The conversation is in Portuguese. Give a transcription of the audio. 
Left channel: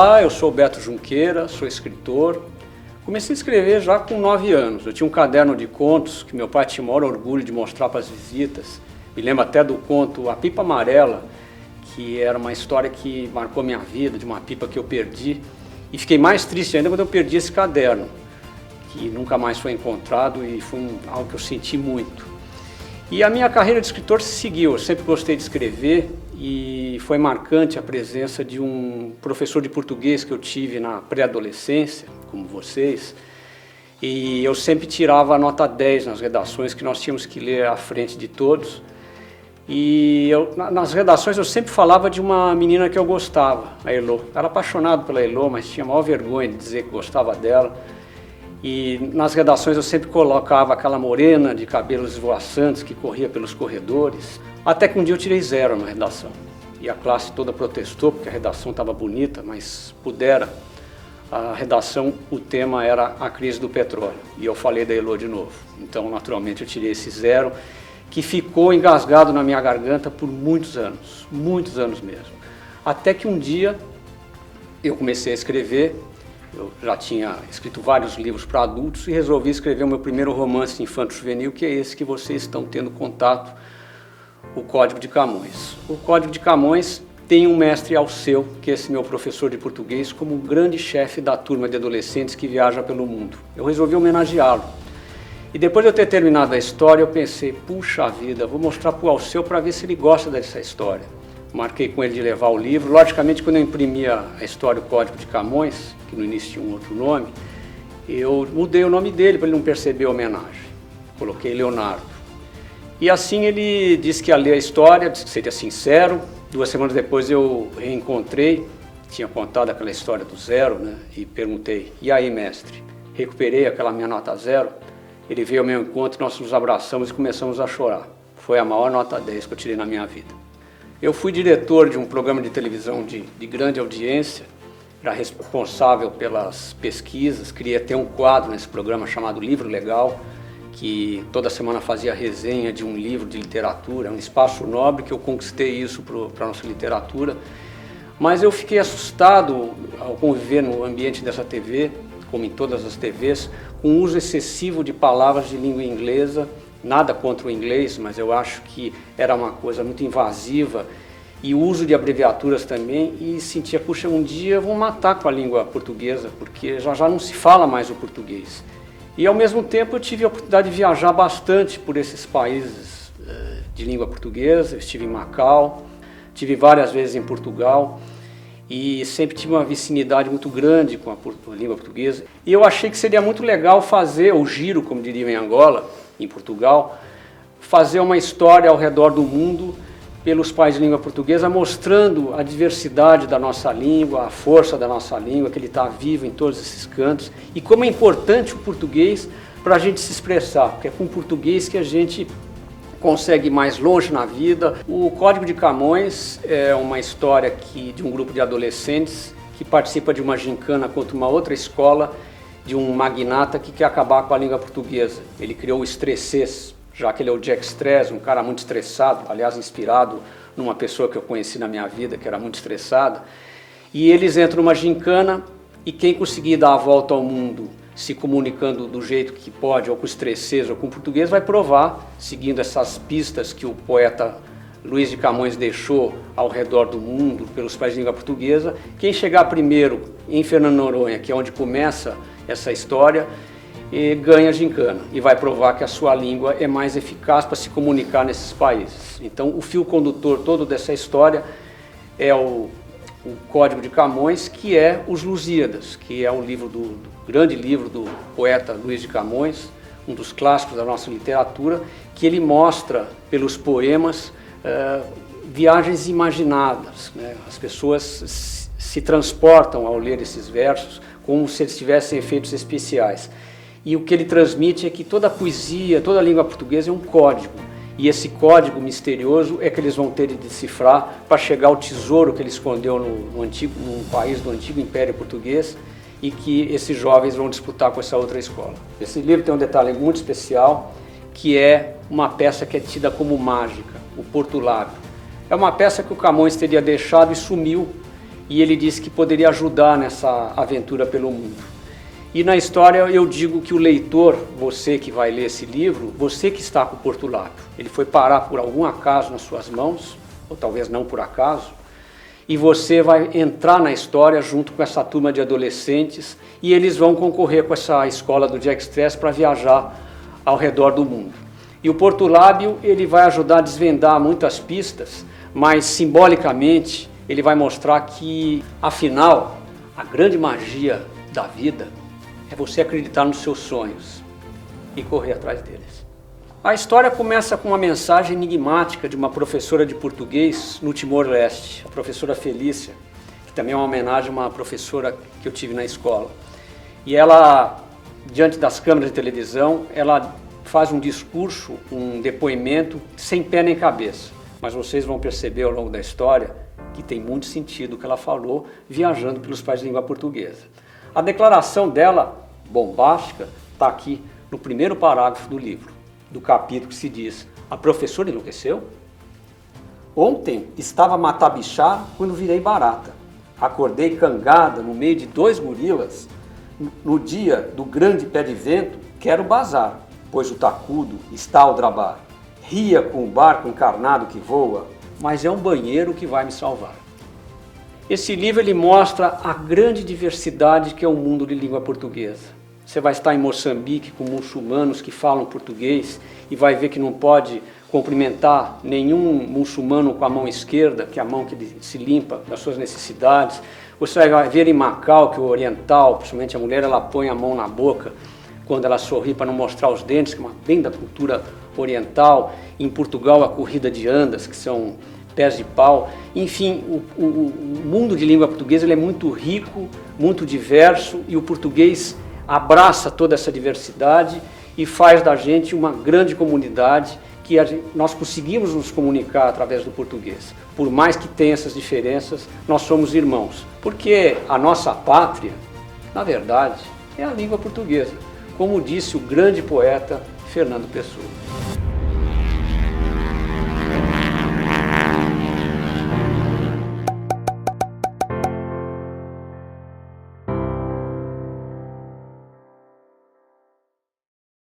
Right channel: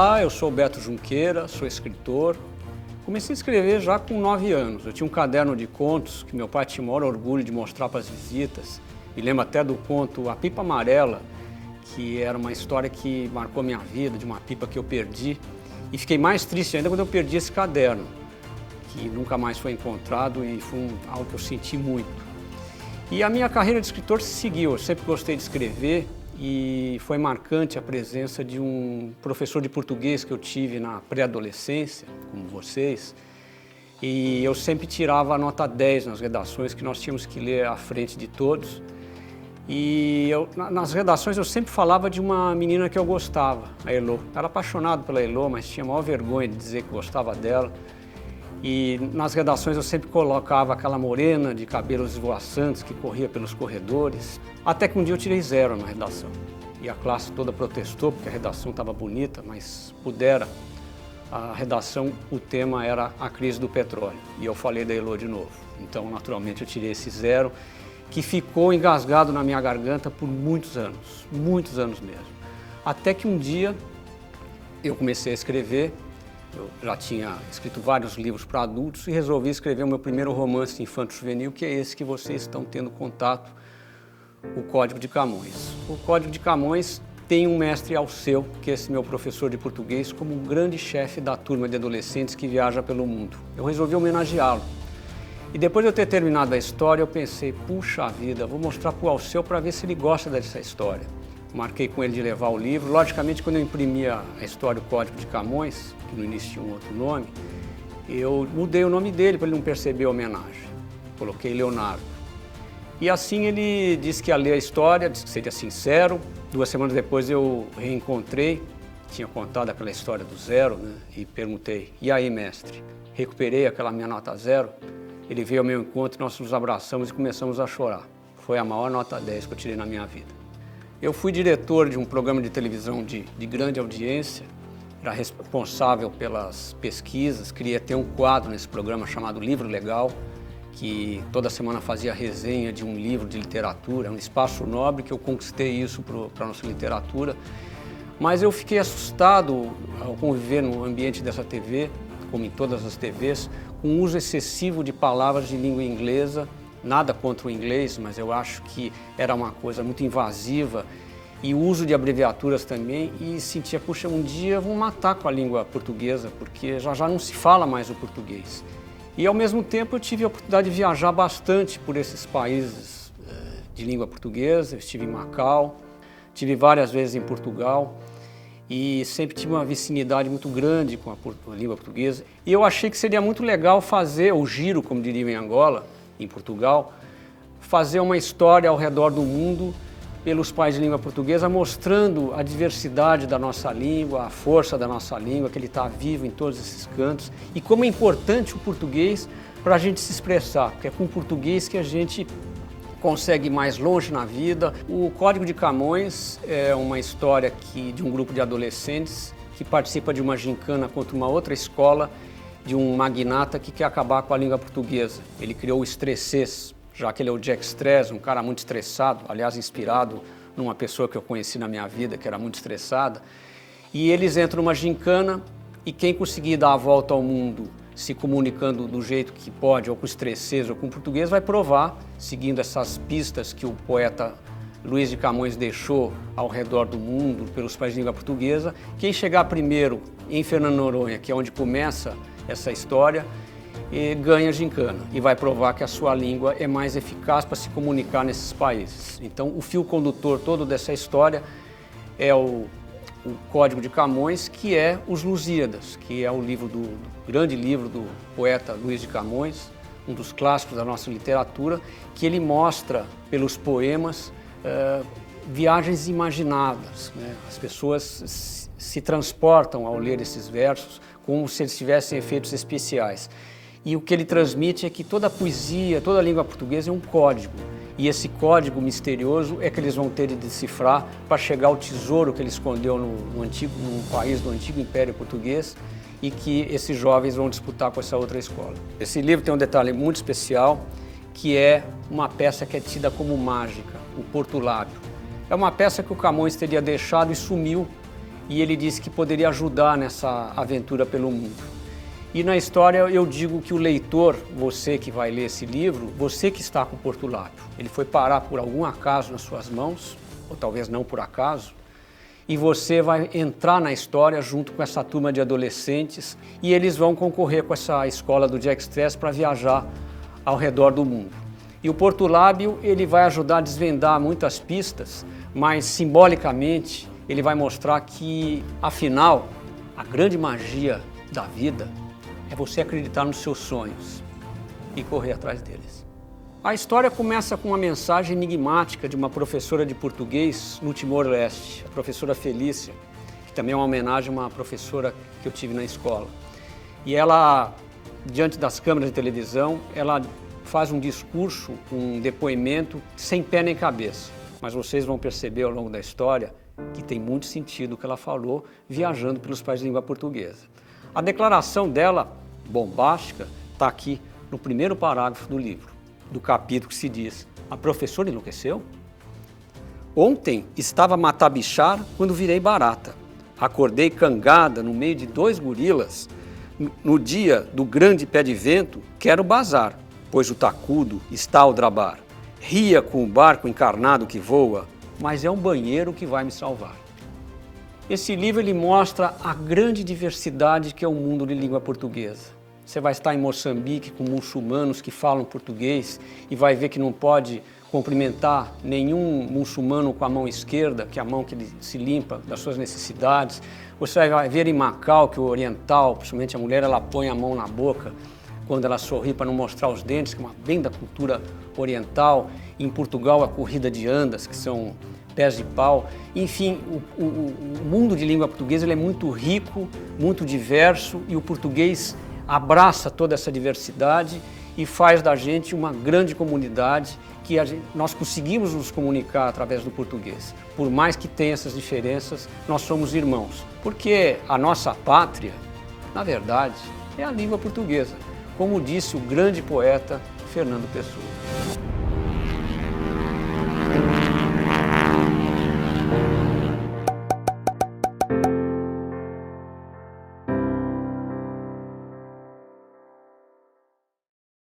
Olá, eu sou o Beto Junqueira, sou escritor. Comecei a escrever já com 9 anos. Eu tinha um caderno de contos que meu pai tinha o maior orgulho de mostrar para as visitas. Me lembro até do conto A Pipa Amarela, que era uma história que marcou minha vida, de uma pipa que eu perdi. E fiquei mais triste ainda quando eu perdi esse caderno, que nunca mais foi encontrado e foi algo que eu senti muito. E a minha carreira de escritor seguiu. Eu sempre gostei de escrever e foi marcante a presença de um professor de português que eu tive na pré-adolescência, como vocês, e eu sempre tirava a nota 10 nas redações que nós tínhamos que ler à frente de todos. E nas redações eu sempre falava de uma menina que eu gostava, a Elô. Eu era apaixonado pela Elô, mas tinha a maior vergonha de dizer que gostava dela. E nas redações eu sempre colocava aquela morena de cabelos esvoaçantes que corria pelos corredores. Até que um dia eu tirei 0 na redação. E a classe toda protestou porque a redação estava bonita, mas pudera. A redação, o tema era a crise do petróleo. E eu falei da Elô de novo. Então, naturalmente, eu tirei esse 0, que ficou engasgado na minha garganta por muitos anos mesmo. Até que um dia eu comecei a escrever. Eu já tinha escrito vários livros para adultos e resolvi escrever o meu primeiro romance infanto-juvenil, que é esse que vocês estão tendo contato, O Código de Camões. O Código de Camões tem um mestre Alceu, que é esse meu professor de português, como um grande chefe da turma de adolescentes que viaja pelo mundo. Eu resolvi homenageá-lo. E depois de eu ter terminado a história, eu pensei, puxa vida, vou mostrar para o Alceu para ver se ele gosta dessa história. Marquei com ele de levar o livro. Logicamente, quando eu imprimia a história, o Código de Camões, que no início tinha um outro nome, eu mudei o nome dele para ele não perceber a homenagem. Coloquei Leonardo. E assim ele disse que ia ler a história, disse que seria sincero. 2 semanas depois eu reencontrei, tinha contado aquela história do 0, né? E perguntei, e aí, mestre? Recuperei aquela minha nota 0. Ele veio ao meu encontro, nós nos abraçamos e começamos a chorar. Foi a maior nota 10 que eu tirei na minha vida. Eu fui diretor de um programa de televisão de grande audiência, era responsável pelas pesquisas, queria ter um quadro nesse programa chamado Livro Legal, que toda semana fazia resenha de um livro de literatura, um espaço nobre que eu conquistei isso para a nossa literatura. Mas eu fiquei assustado ao conviver no ambiente dessa TV, como em todas as TVs, com o uso excessivo de palavras de língua inglesa. Nada contra o inglês, mas eu acho que era uma coisa muito invasiva, e o uso de abreviaturas também, e sentia, puxa, um dia eu vou matar com a língua portuguesa, porque já não se fala mais o português. E ao mesmo tempo eu tive a oportunidade de viajar bastante por esses países de língua portuguesa. Eu estive em Macau, estive várias vezes em Portugal, e sempre tive uma vicinidade muito grande com a língua portuguesa. E eu achei que seria muito legal fazer o giro, como diriam em Angola, em Portugal, fazer uma história ao redor do mundo pelos países de língua portuguesa, mostrando a diversidade da nossa língua, a força da nossa língua, que ele está vivo em todos esses cantos, e como é importante o português para a gente se expressar, porque é com o português que a gente consegue ir mais longe na vida. O Código de Camões é uma história de um grupo de adolescentes que participa de uma gincana contra uma outra escola, de um magnata que quer acabar com a língua portuguesa. Ele criou o Estressês, já que ele é o Jack Stress, um cara muito estressado, aliás, inspirado numa pessoa que eu conheci na minha vida, que era muito estressada. E eles entram numa gincana, e quem conseguir dar a volta ao mundo se comunicando do jeito que pode, ou com estressês ou com português, vai provar, seguindo essas pistas que o poeta Luís de Camões deixou ao redor do mundo, pelos países de língua portuguesa. Quem chegar primeiro em Fernando de Noronha, que é onde começa essa história, ganha a gincana e vai provar que a sua língua é mais eficaz para se comunicar nesses países. Então, o fio condutor todo dessa história é o Código de Camões, que é Os Lusíadas, que é um livro grande livro do poeta Luís de Camões, um dos clássicos da nossa literatura, que ele mostra pelos poemas viagens imaginadas, né? As pessoas se transportam ao ler esses versos como se eles tivessem efeitos especiais. E o que ele transmite é que toda a poesia, toda a língua portuguesa é um código. E esse código misterioso é que eles vão ter de decifrar para chegar ao tesouro que ele escondeu num país do antigo Império Português, e que esses jovens vão disputar com essa outra escola. Esse livro tem um detalhe muito especial, que é uma peça que é tida como mágica, o Portulário. É uma peça que o Camões teria deixado e sumiu. e ele disse que poderia ajudar nessa aventura pelo mundo. E na história eu digo que o leitor, você que vai ler esse livro, você que está com o Portulápio, ele foi parar por algum acaso nas suas mãos, ou talvez não por acaso, e você vai entrar na história junto com essa turma de adolescentes e eles vão concorrer com essa escola do Jack Stress para viajar ao redor do mundo. E o Portulábio, ele vai ajudar a desvendar muitas pistas, mas simbolicamente ele vai mostrar que, afinal, a grande magia da vida é você acreditar nos seus sonhos e correr atrás deles. A história começa com uma mensagem enigmática de uma professora de português no Timor-Leste, a professora Felícia, que também é uma homenagem a uma professora que eu tive na escola. E ela, diante das câmeras de televisão, ela faz um discurso, um depoimento sem pé nem cabeça. Mas vocês vão perceber ao longo da história que tem muito sentido o que ela falou viajando pelos países de língua portuguesa. A declaração dela, bombástica, está aqui no primeiro parágrafo do livro, do capítulo que se diz: a professora enlouqueceu? Ontem estava a matar bichar quando virei barata. Acordei cangada no meio de 2 gorilas. No dia do grande pé de vento, quero bazar, pois o tacudo está ao drabar. Ria com o barco encarnado que voa, mas é um banheiro que vai me salvar. Esse livro ele mostra a grande diversidade que é o mundo de língua portuguesa. Você vai estar em Moçambique com muçulmanos que falam português e vai ver que não pode cumprimentar nenhum muçulmano com a mão esquerda, que é a mão que ele se limpa das suas necessidades. Você vai ver em Macau que o oriental, principalmente a mulher, ela põe a mão na boca quando ela sorri para não mostrar os dentes, que é bem da cultura oriental. Em Portugal, a corrida de andas, que são pés de pau. Enfim, o mundo de língua portuguesa ele é muito rico, muito diverso, e o português abraça toda essa diversidade e faz da gente uma grande comunidade que nós conseguimos nos comunicar através do português. Por mais que tenha essas diferenças, nós somos irmãos, porque a nossa pátria, na verdade, é a língua portuguesa, como disse o grande poeta Fernando Pessoa.